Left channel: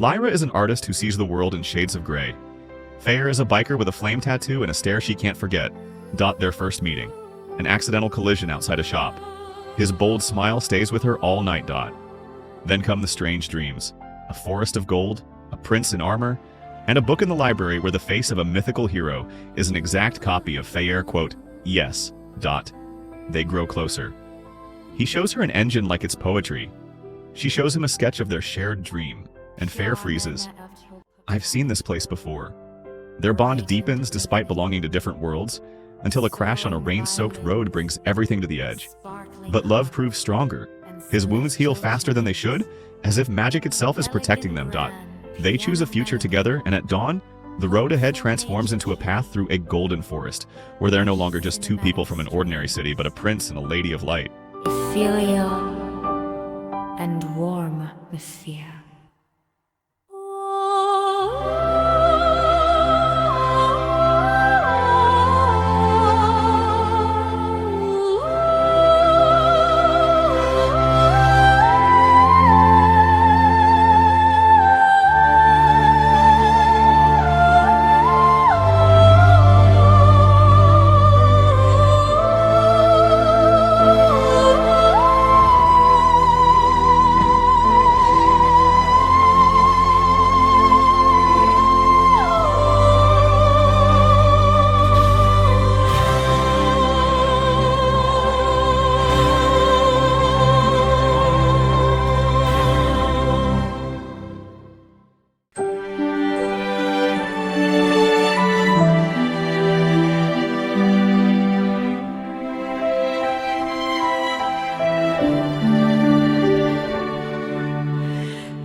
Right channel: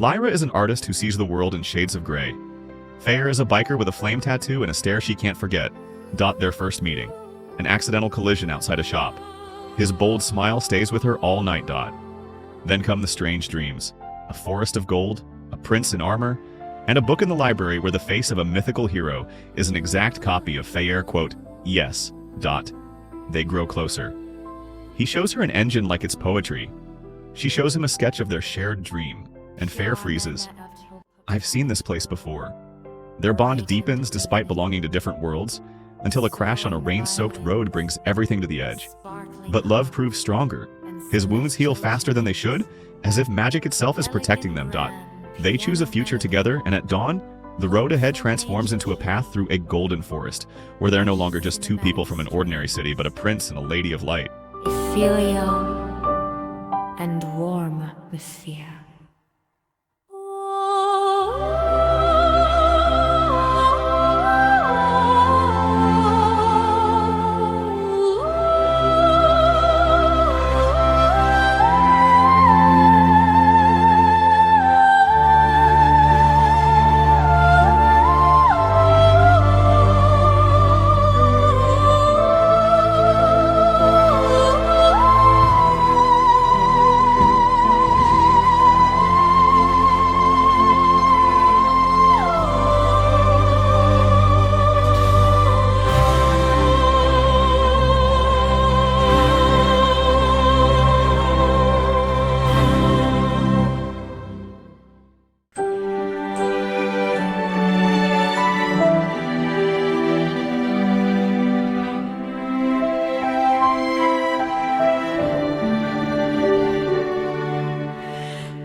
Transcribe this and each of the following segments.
Lyra is an artist who sees the world in shades of gray. Feyer is a biker with a flame tattoo and a stare she can't forget. Their first meeting. An accidental collision outside a shop. His bold smile stays with her all night. Then come the strange dreams. A forest of gold, a prince in armor, and a book in the library where the face of a mythical hero is an exact copy of Feyer, quote, yes. They grow closer. He shows her an engine like it's poetry. She shows him a sketch of their shared dream, and Feyer freezes. I've seen this place before. Their bond deepens despite belonging to different worlds, until a crash on a rain-soaked road brings everything to the edge. But love proves stronger. His wounds heal faster than they should, as if magic itself is protecting them. They choose a future together, and at dawn, the road ahead transforms into a path through a golden forest, where they're no longer just two people from an ordinary city, but a prince and a lady of light. Ethereal and warm with fear.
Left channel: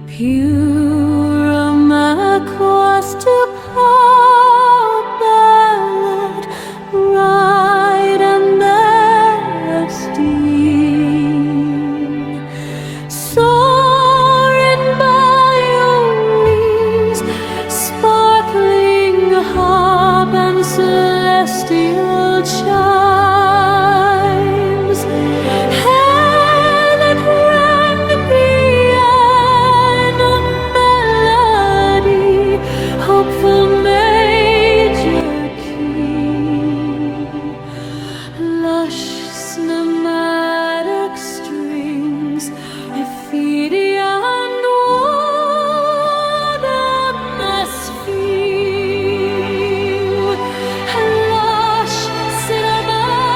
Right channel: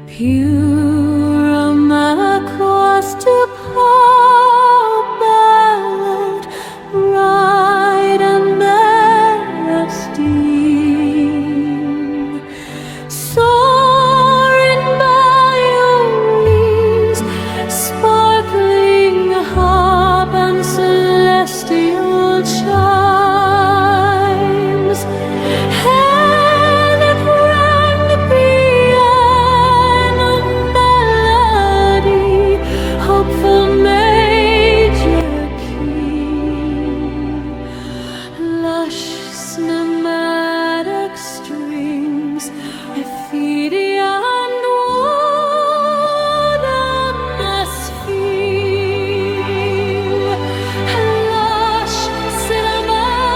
Pure across to Ballad, bright and bursting, soaring violins, sparkling harp and celestial chimes. Heaven rang the hopeful major key, lush cinematic strings, Ephedia and wood atmosphere, lush cinematic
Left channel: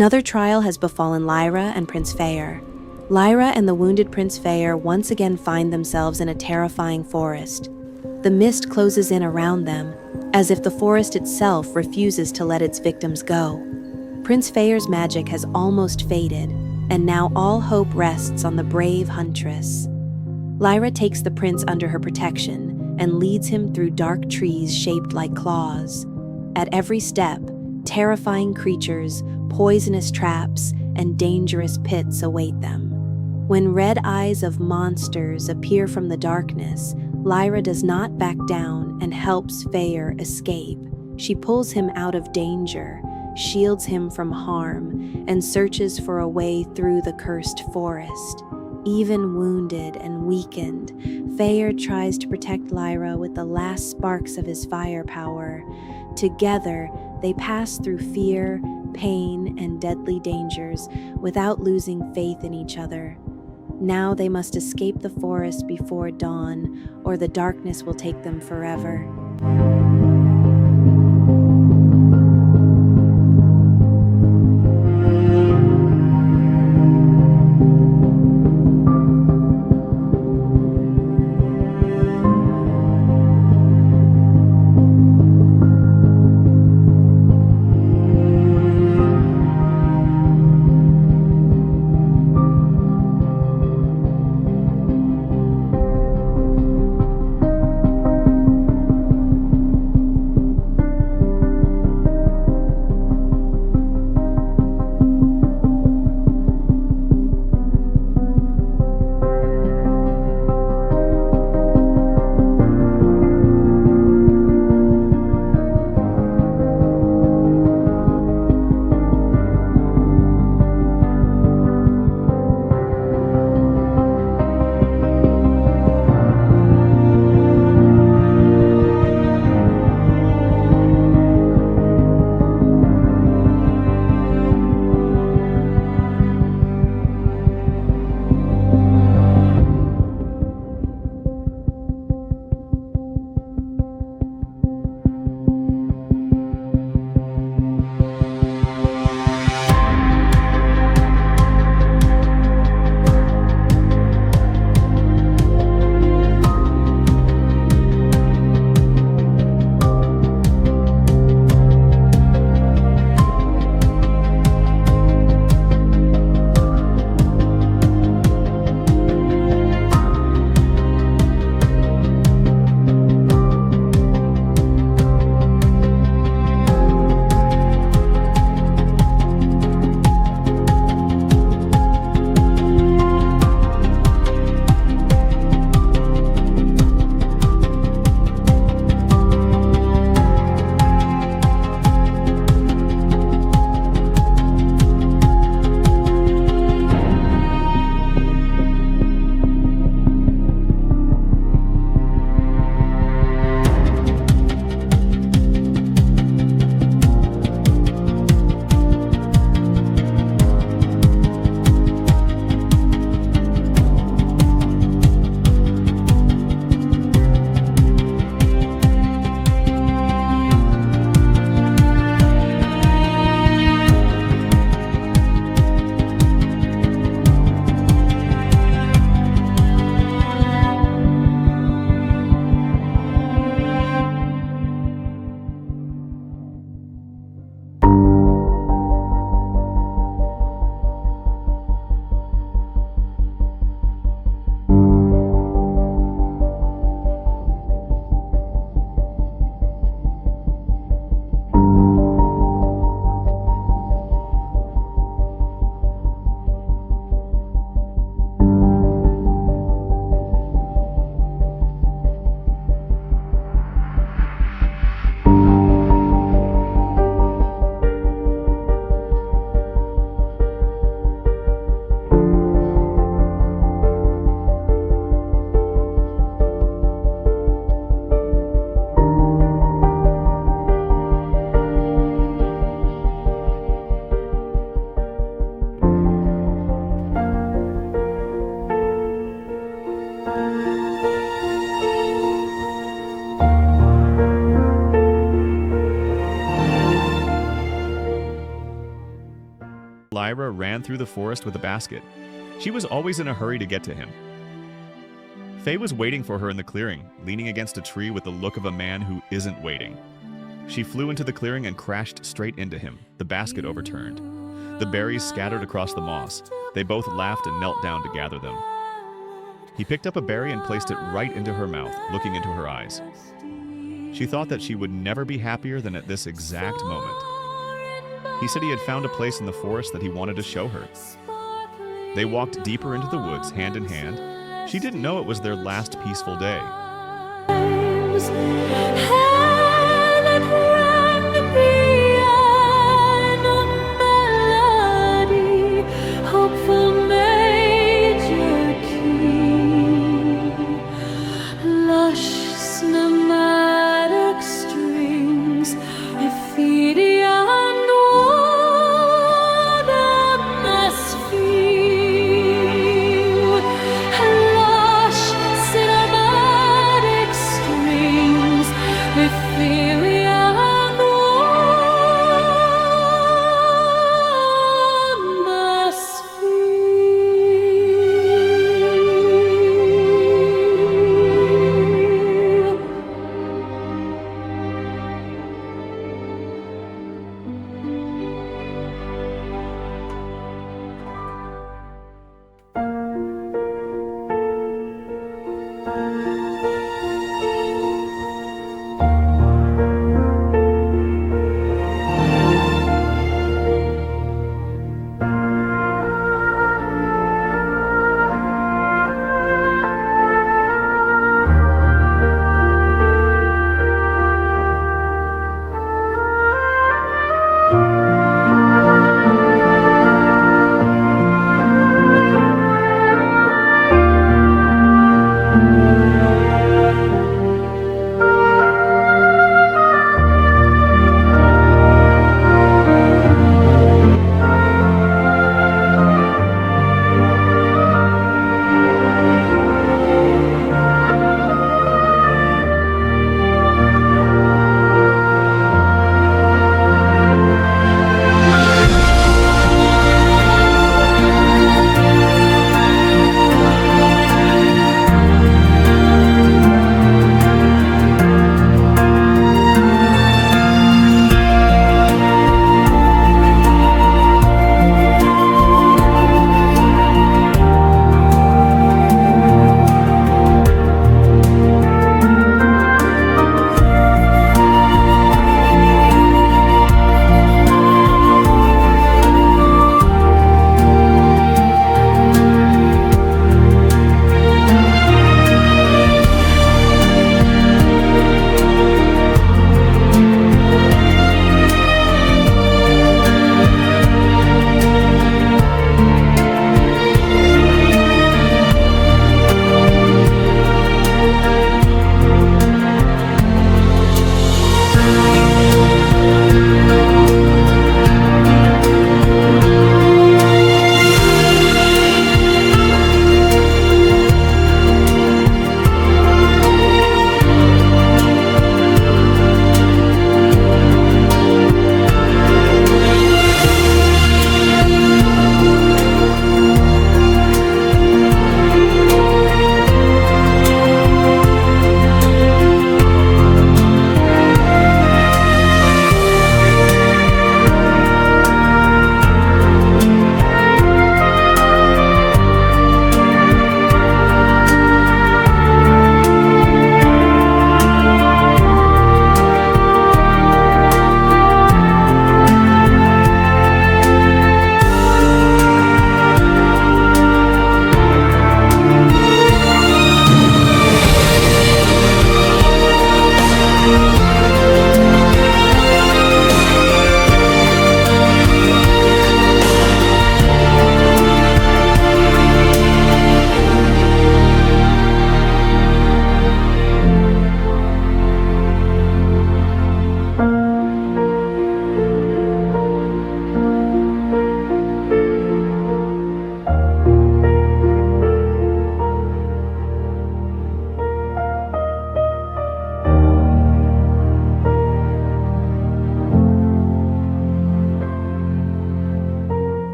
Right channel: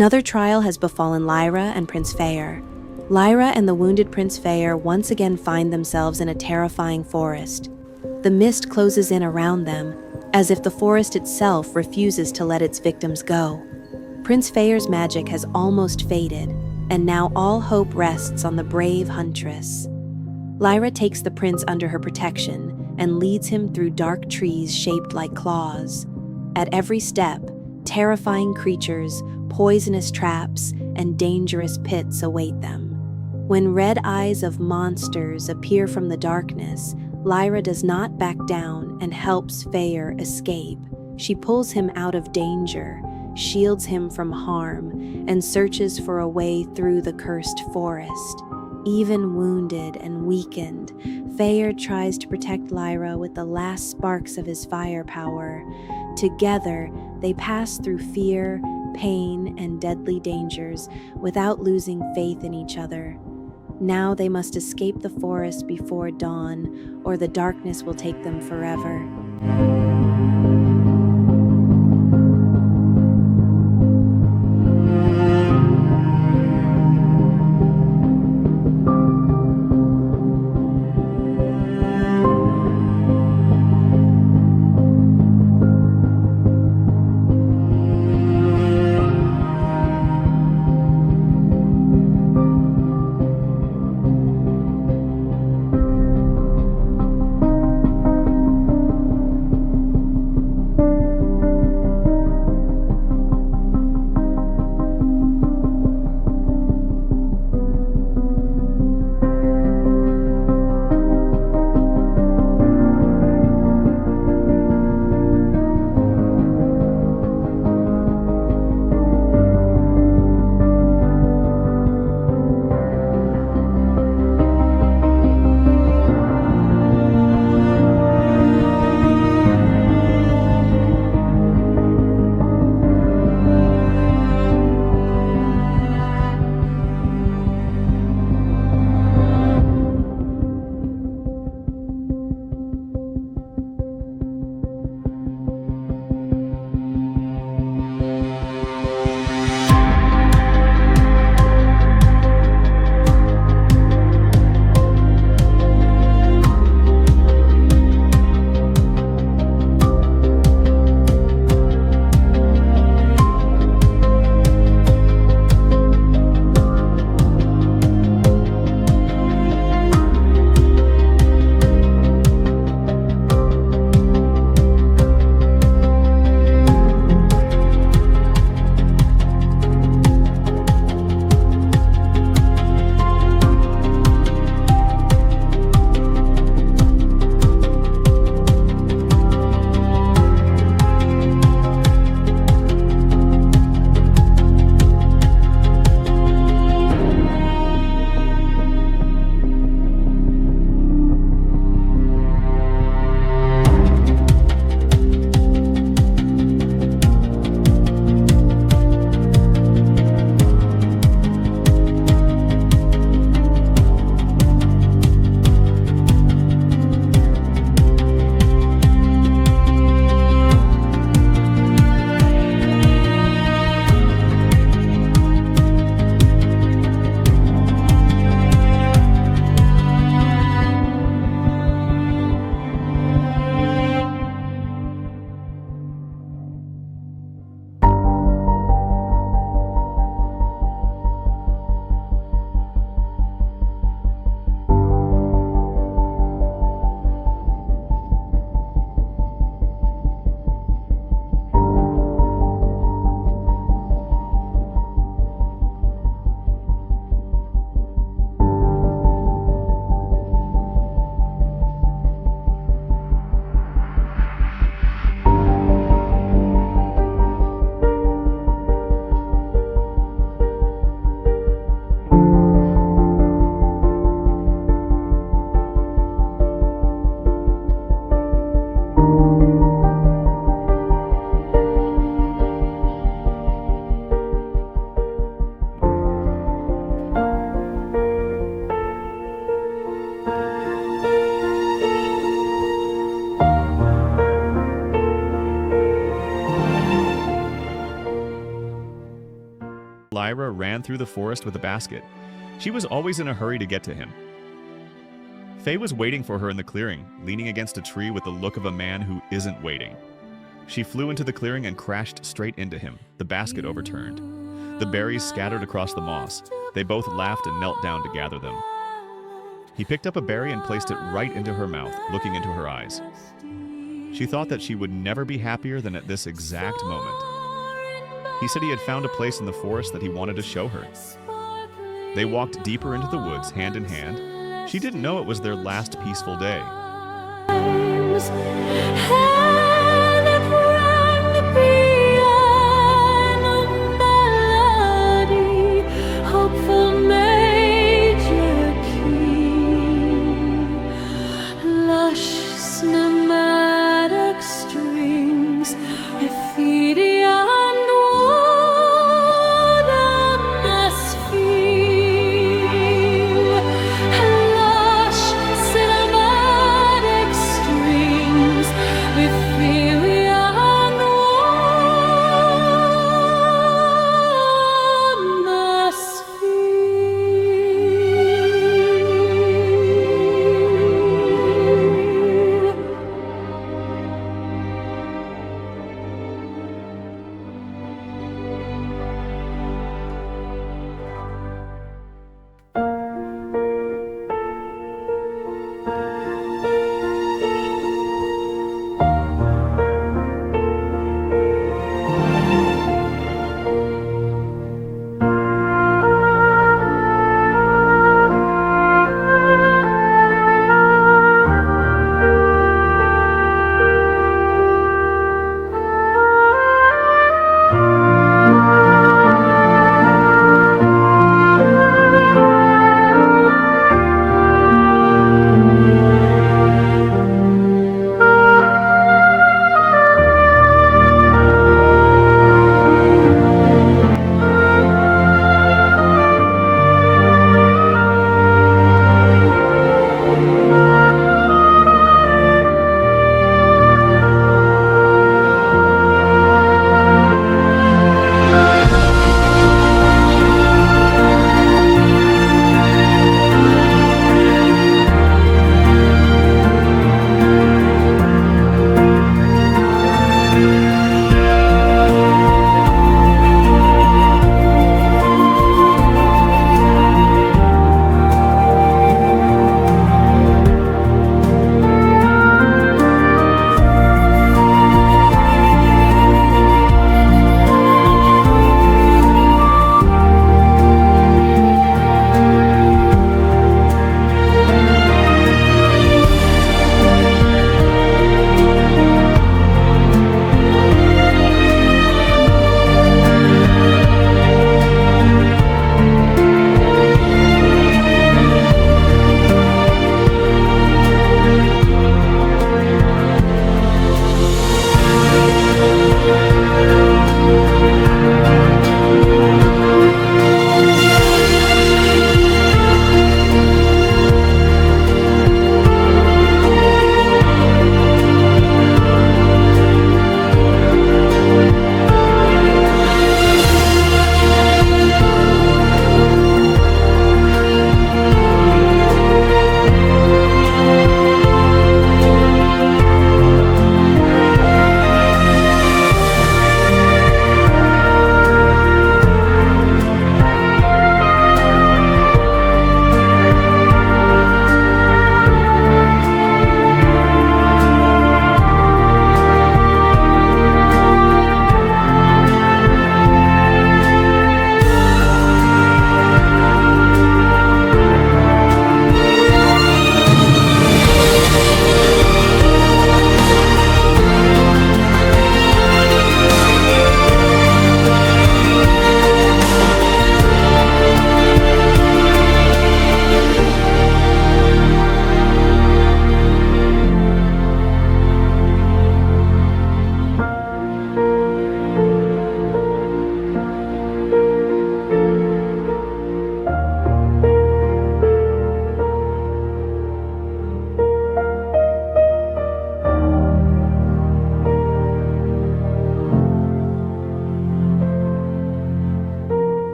Another trial has befallen Lyra and Prince Feyer. Lyra and the wounded Prince Feyer once again find themselves in a terrifying forest. The mist closes in around them, as if the forest itself refuses to let its victims go. Prince Feyer's magic has almost faded, and now all hope rests on the brave huntress. Lyra takes the prince under her protection and leads him through dark trees shaped like claws. At every step, terrifying creatures, poisonous traps, and dangerous pits await them. When red eyes of monsters appear from the darkness, Lyra does not back down and helps Feyer escape. She pulls him out of danger, shields him from harm, and searches for a way through the cursed forest. Even wounded and weakened, Feyer tries to protect Lyra with the last sparks of his fire power. Together, they pass through fear, pain, and deadly dangers without losing faith in each other. Now they must escape the forest before dawn, or the darkness will take them forever. Lyra ran through the forest with a basket. She was always in a hurry to get to him. Faye was waiting for her in the clearing, leaning against a tree with the look of a man who isn't waiting. She flew into the clearing and crashed straight into him, the basket overturned. The berries scattered across the moss. They both laughed and knelt down to gather them. He picked up a berry and placed it right into her mouth, looking into her eyes. She thought that she would never be happier than at this exact moment. He said he had found a place in the forest that he wanted to show her. They walked deeper into the woods, hand in hand. She didn't know it was their last peaceful day. Hopeful major key, lush cinematic strings, graffiti and wood atmosphere. Lush cinematic strings, graffiti and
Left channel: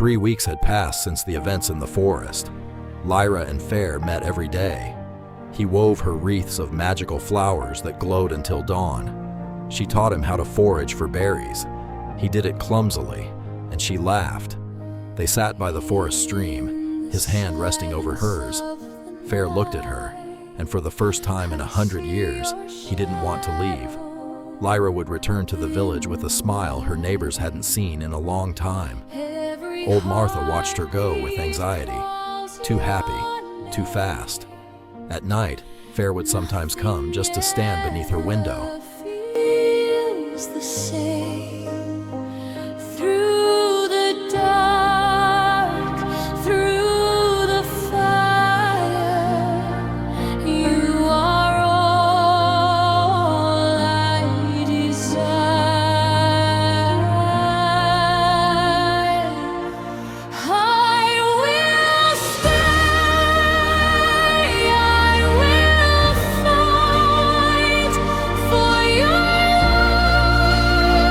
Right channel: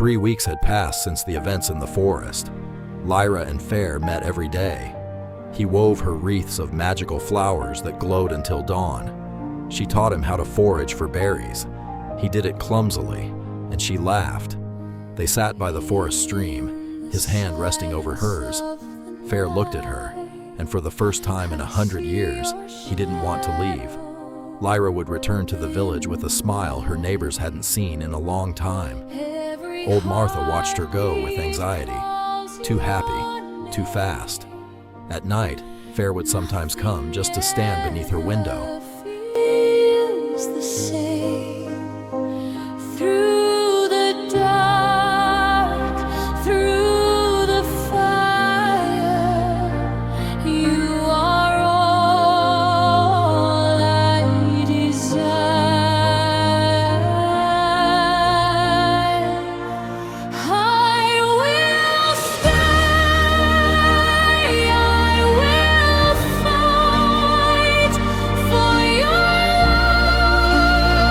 3 weeks had passed since the events in the forest. Lyra and Feyer met every day. He wove her wreaths of magical flowers that glowed until dawn. She taught him how to forage for berries. He did it clumsily, and she laughed. They sat by the forest stream, his hand resting over hers. Feyer looked at her, and for the first time in 100 years, he didn't want to leave. Lyra would return to the village with a smile her neighbors hadn't seen in a long time. Old Martha watched her go with anxiety. Too happy, too fast. At night, Feyer would sometimes come just to stand beneath her window. Feels the same through the dark, through the fire. You are all I desire. I will stay. I will fight for your love.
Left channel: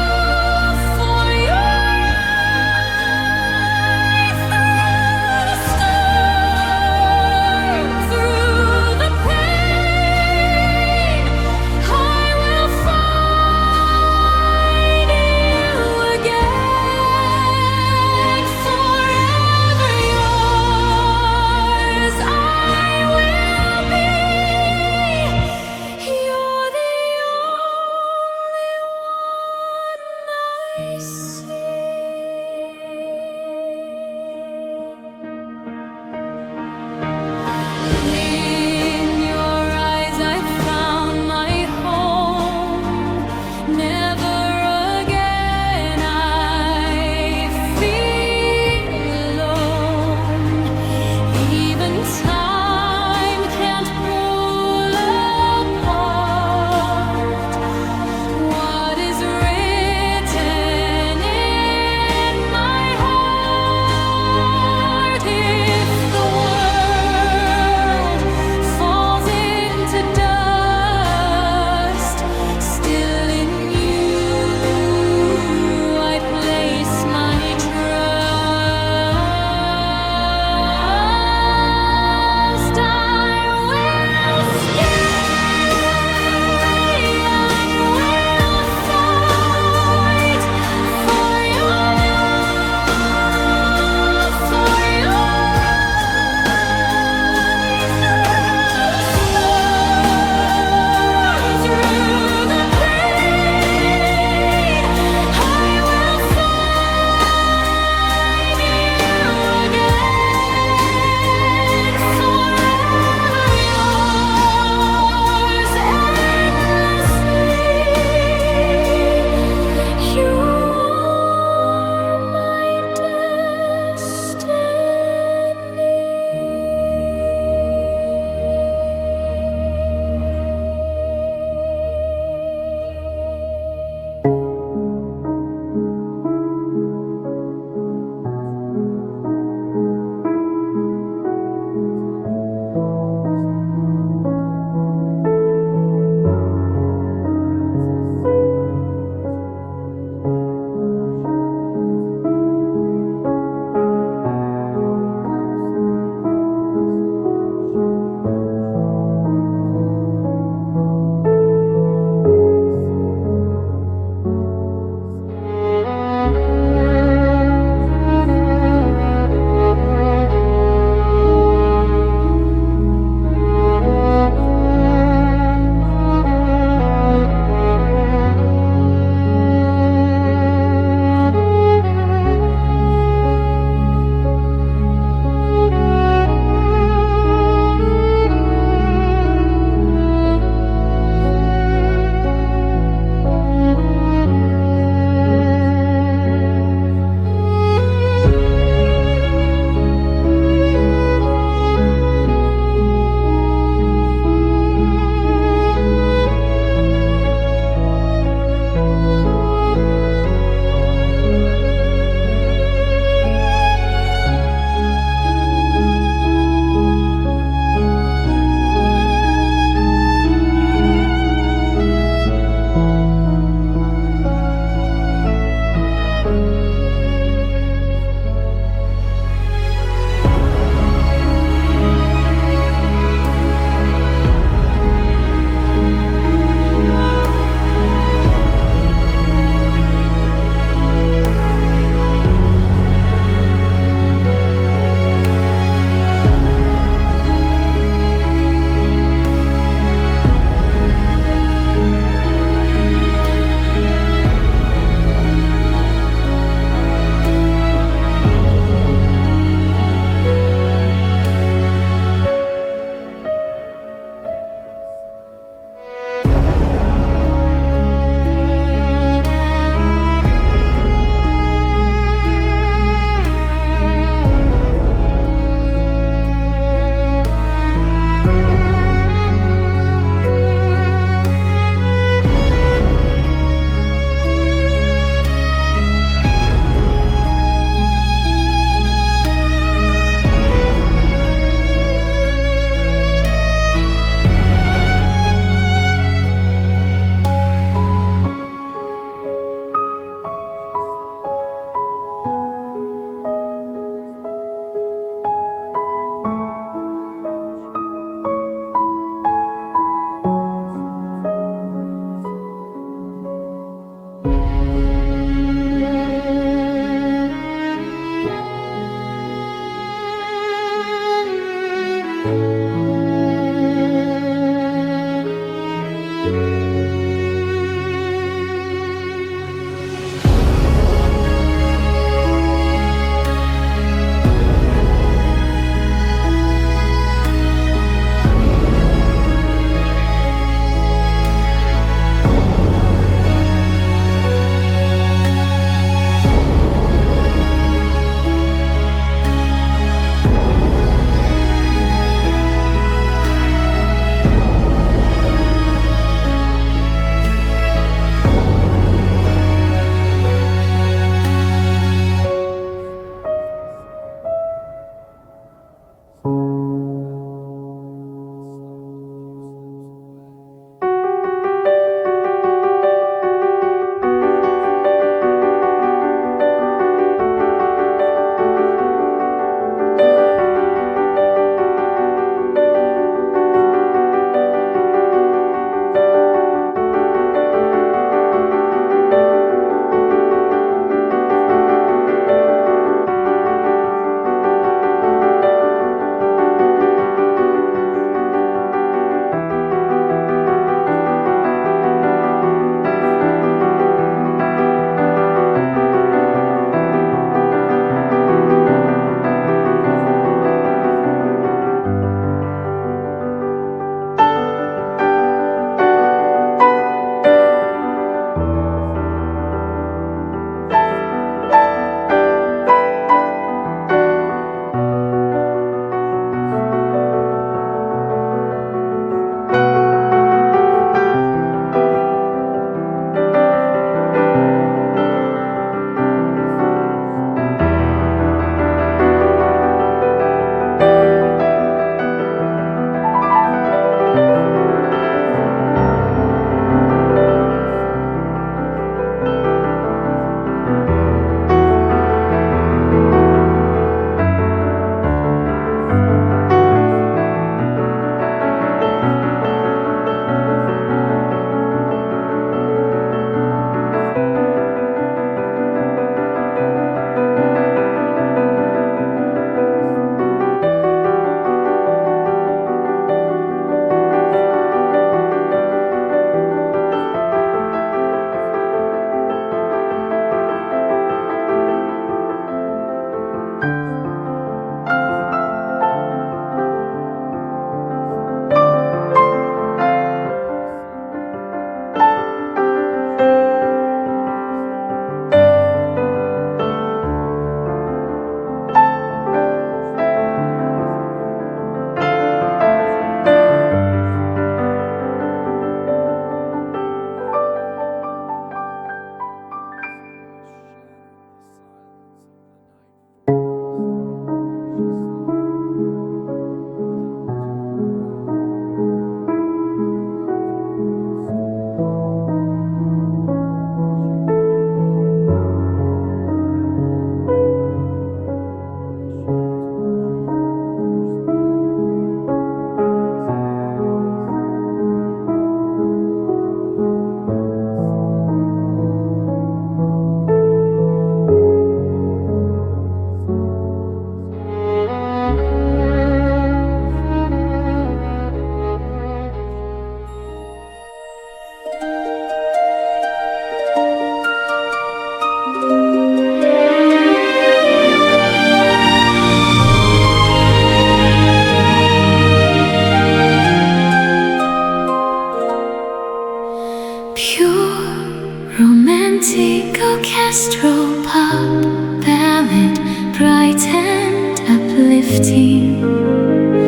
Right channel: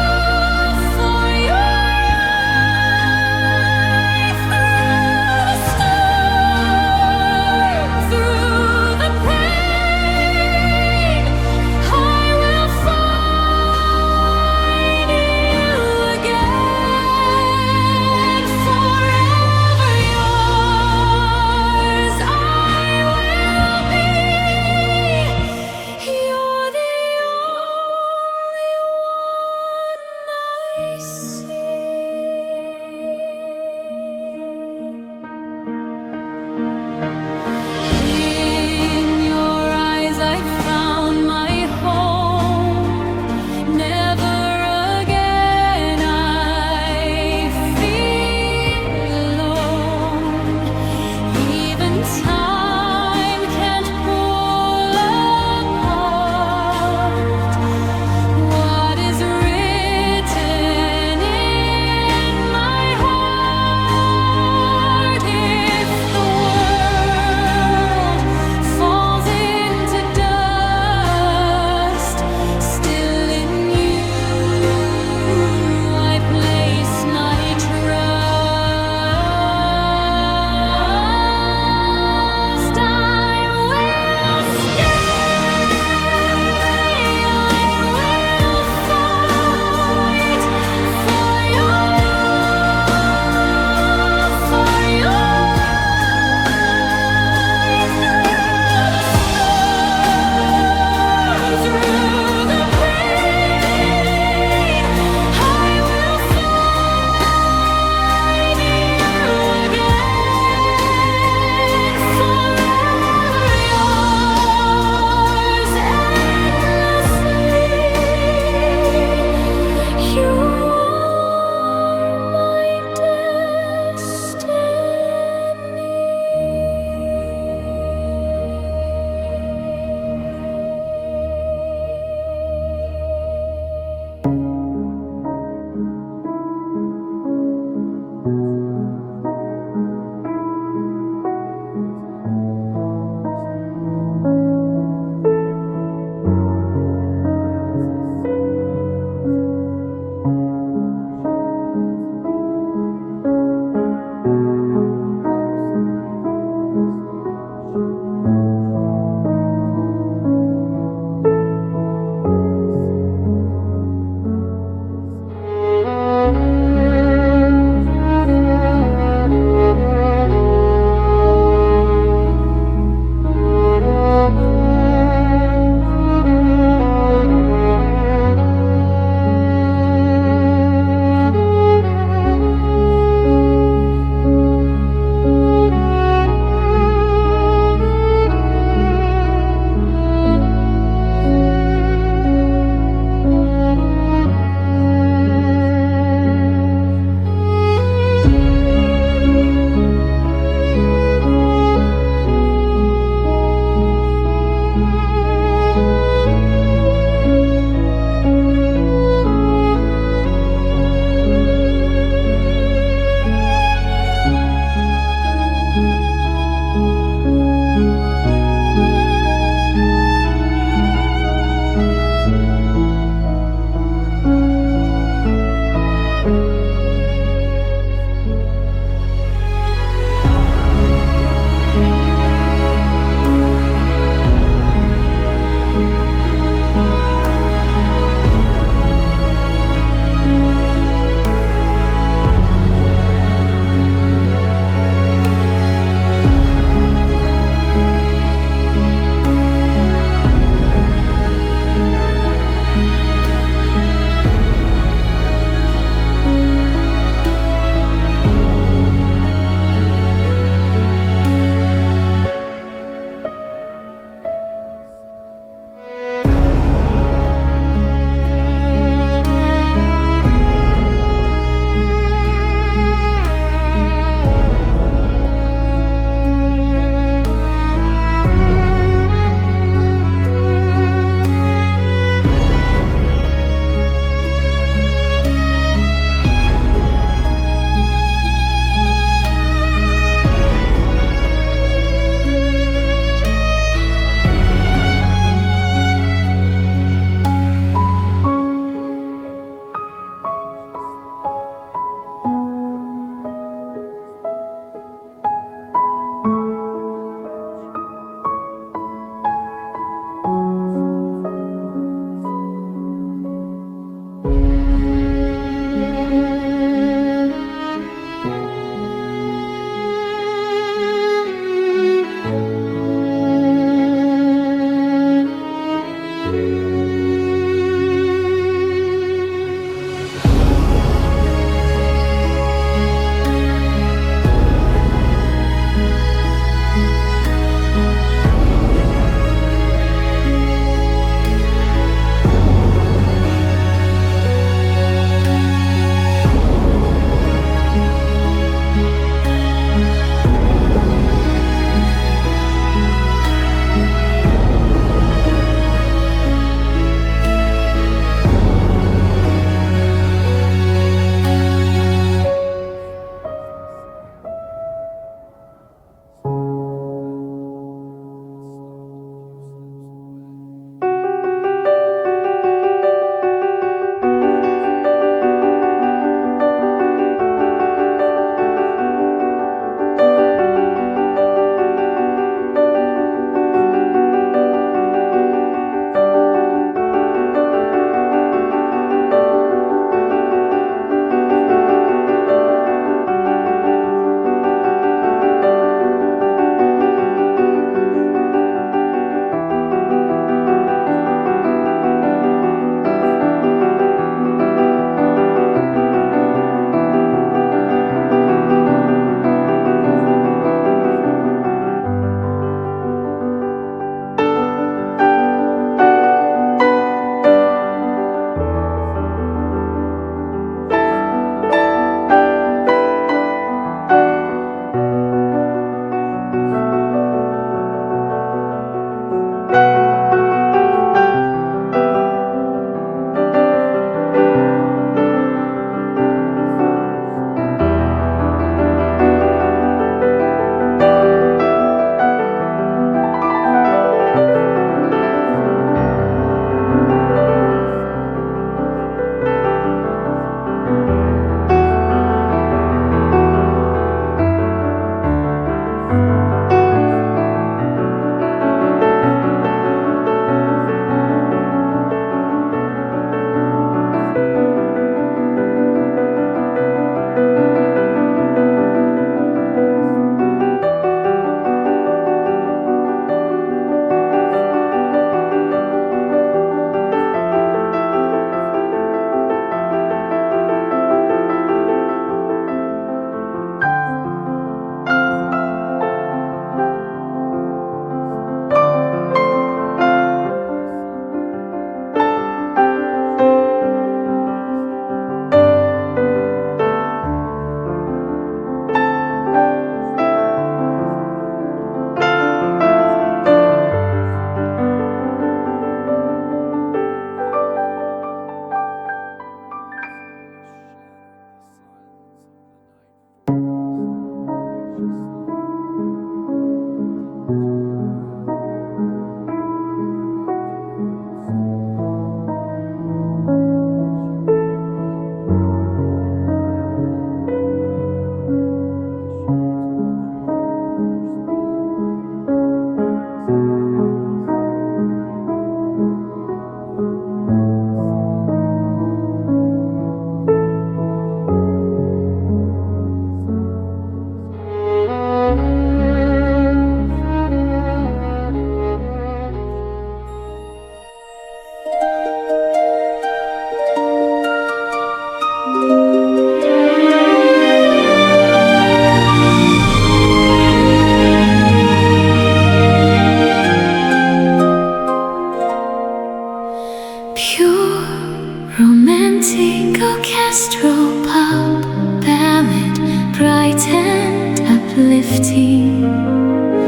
bright and uplifting,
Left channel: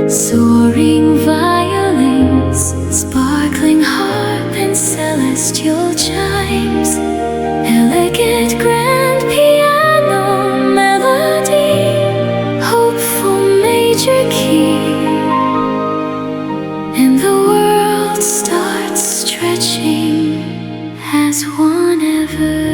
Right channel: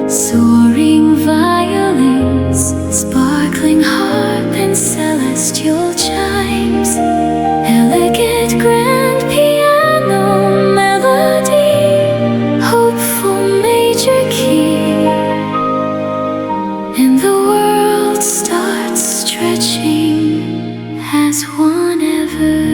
soaring violins, sparkling harp and celestial chimes, elegant grand piano melody, hopeful major key, and the world starts stretching as one ever.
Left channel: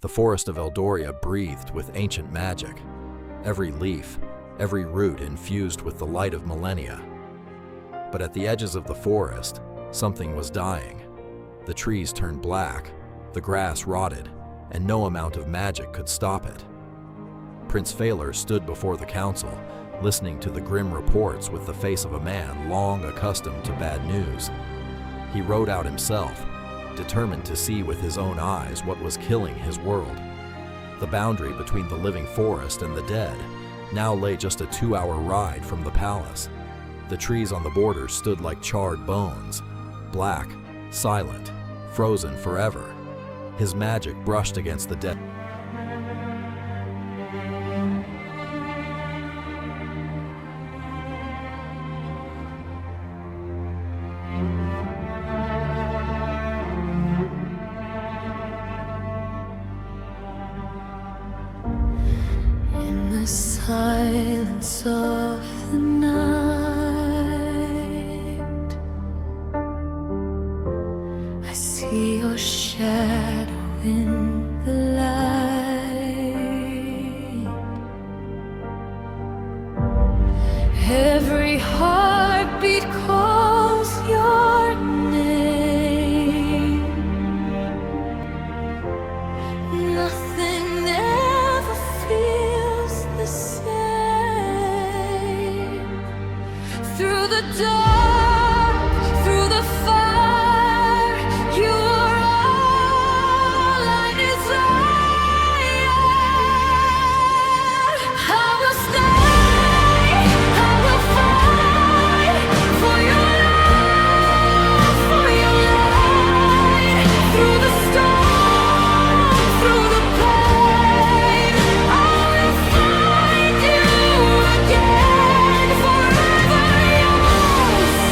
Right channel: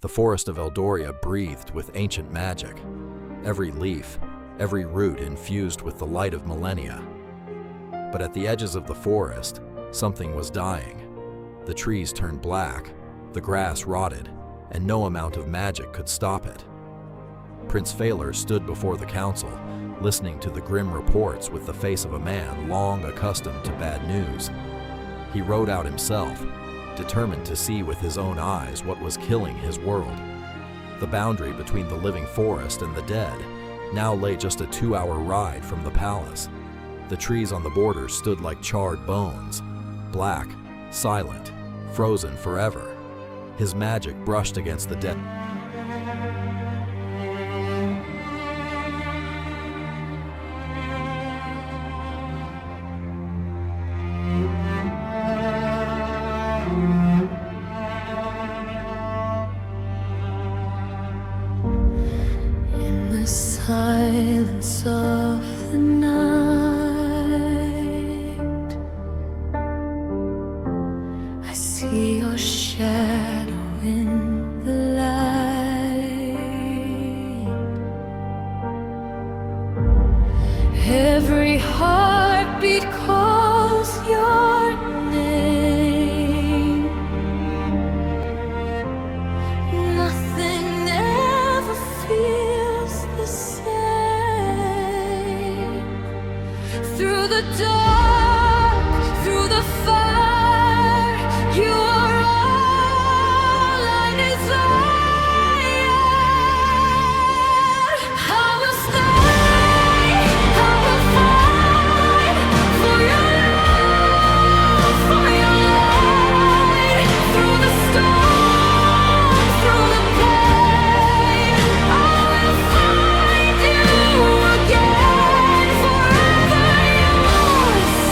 The forest of Eldoria breathed with ancient magic, every leaf, every root infused with the light of millennia. But at the edges of the forest, something was dying. The trees turned black, the grass rotted, and no amount of magic could stop it. Prince Feyer stood before the council, listening to the grim reports with the face of a man long accustomed to bad news. He rode out himself, determined to see with his own eyes what was killing his world. The boundary between the living forest and the dead now lay just a 2-hour ride from the palace. The trees on the border stood like charred bones, black, silent, frozen forever. His magic brushed against the dead. In the silence of the night, I see your shadow in the light. Every heartbeat calls your name. Nothing ever feels the same. Through the dark, through the fire, you are all I desire. I will stay, I will fight for your love, for your light. Through the storm, through the pain, I will find you again, forever yours.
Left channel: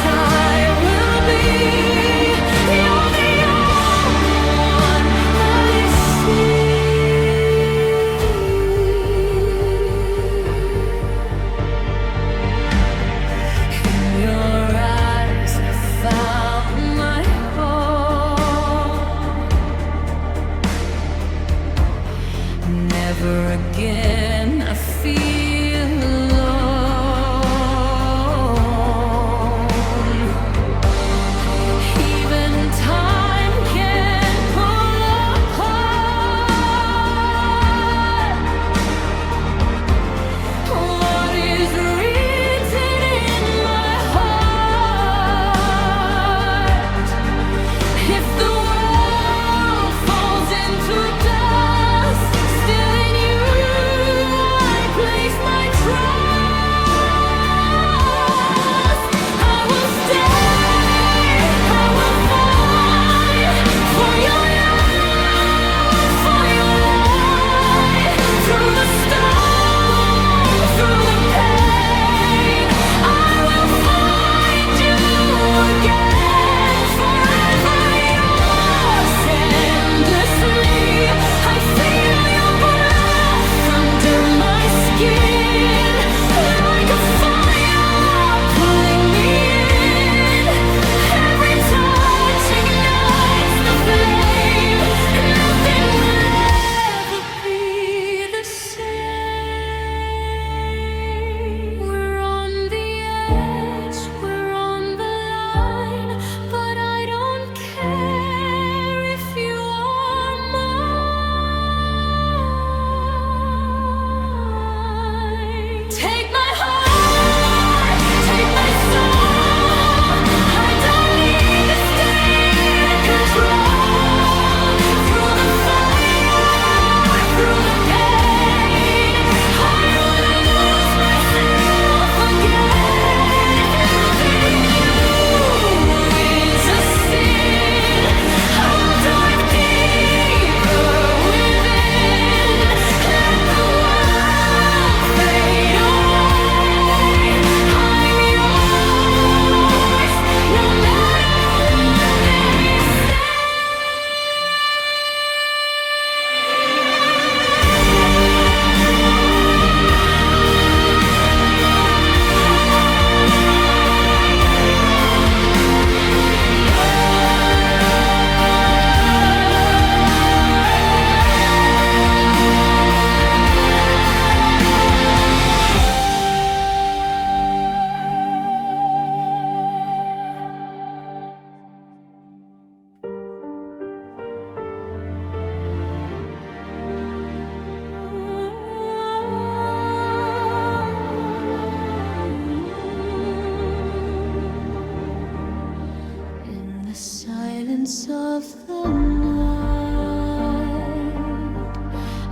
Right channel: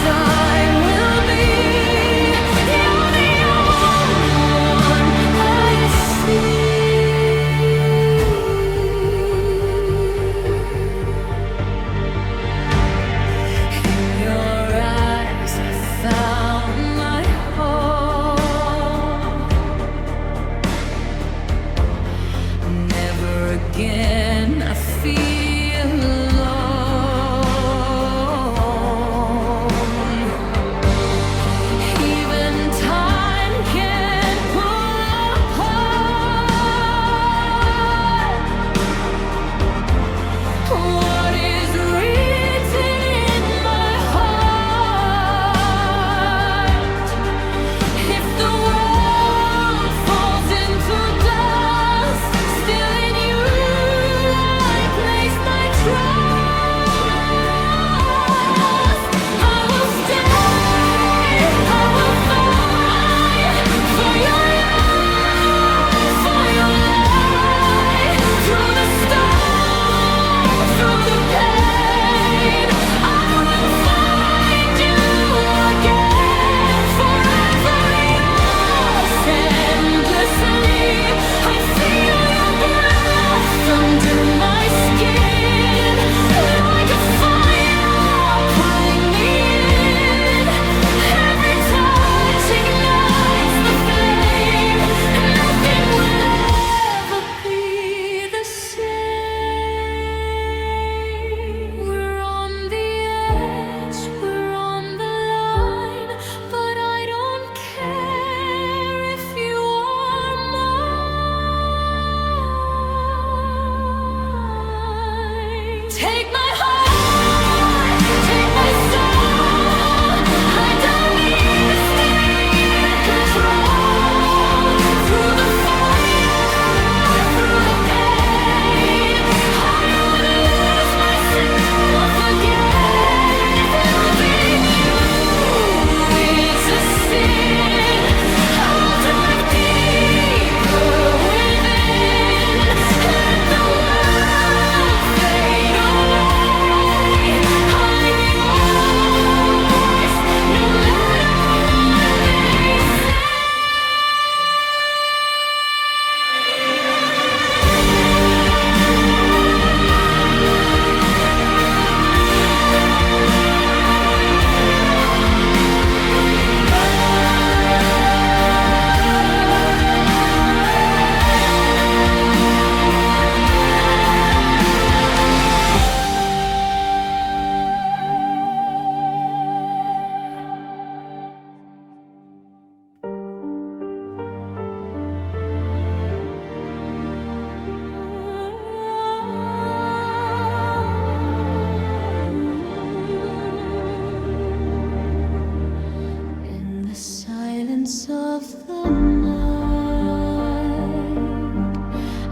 silence of the night,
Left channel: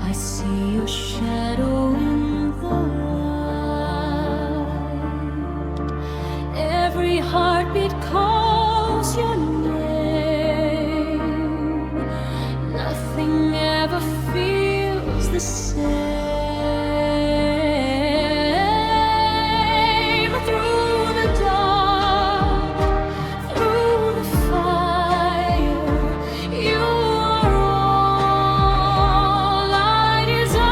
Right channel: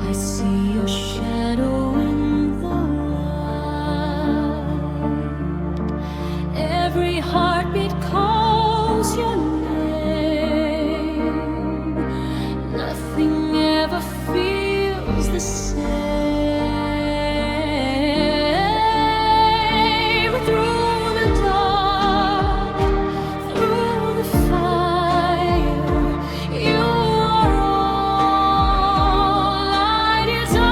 I see your shadow in the light. Every heartbeat calls your name. Nothing ever feels the same. Through the dark, through the fire, you are all I desire.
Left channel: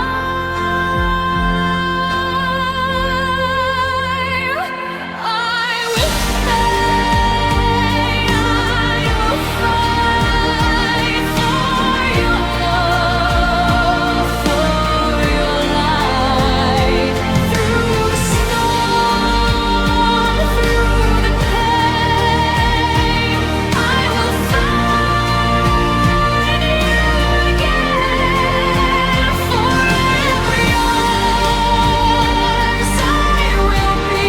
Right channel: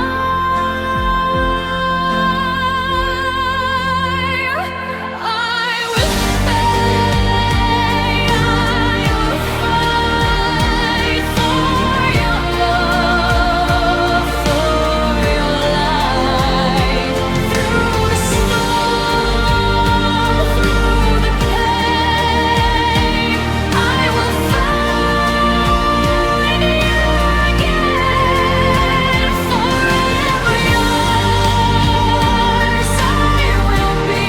I will stay, I will fight for your love, for your light. Through the storm, through the pain, I will find you again. Forever yours, I will be.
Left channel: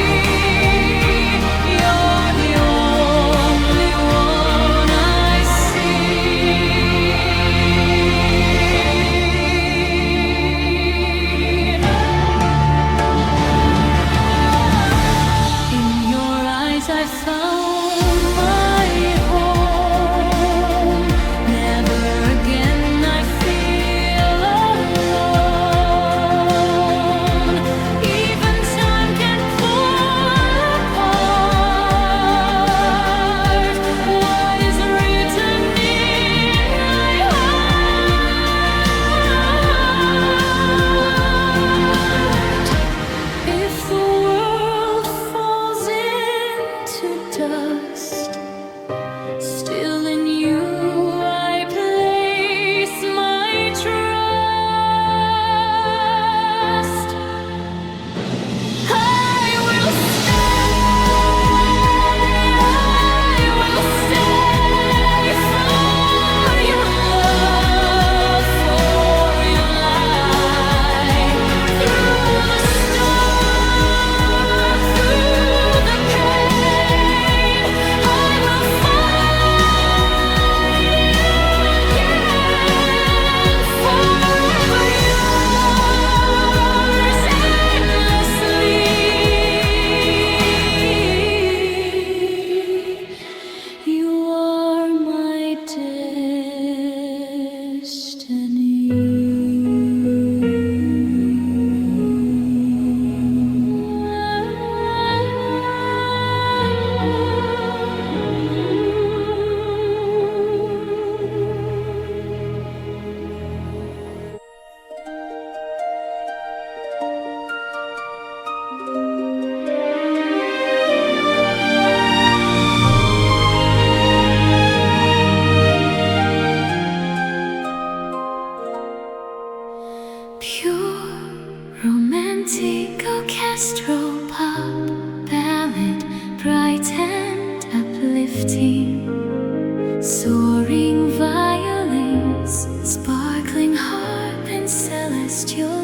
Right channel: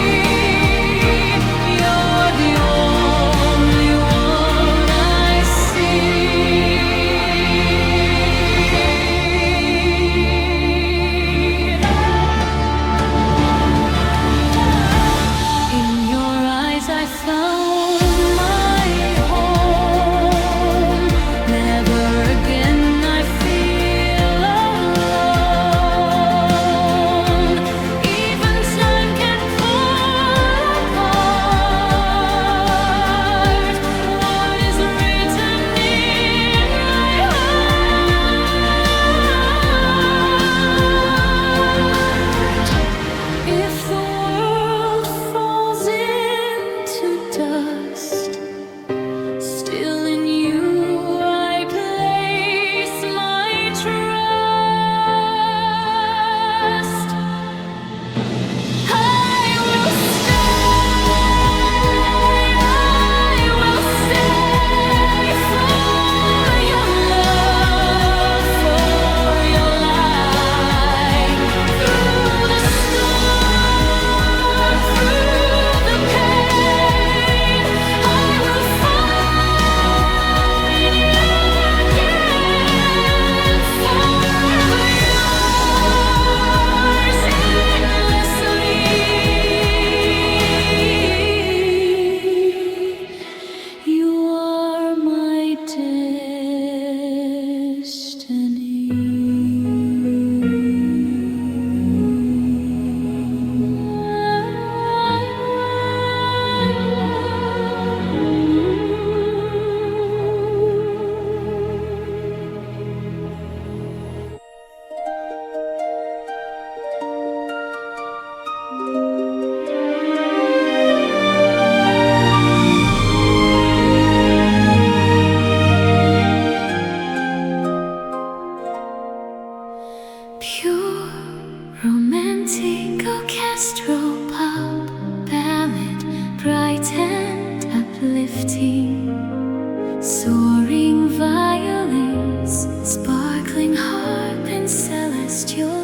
You're the only one I see. In your eyes I found my home. Never again I feel alone. Even time can pull apart what is written in my heart. If the world falls into dust, still in you I place my trust. I will stay for your love, for your light. Through the storm, through the pain, I will find you again. Forever yours, endlessly. You are my pure romantic orchestral pop ballad, bright and uplifting. Soaring violins, sparkling harp and celestial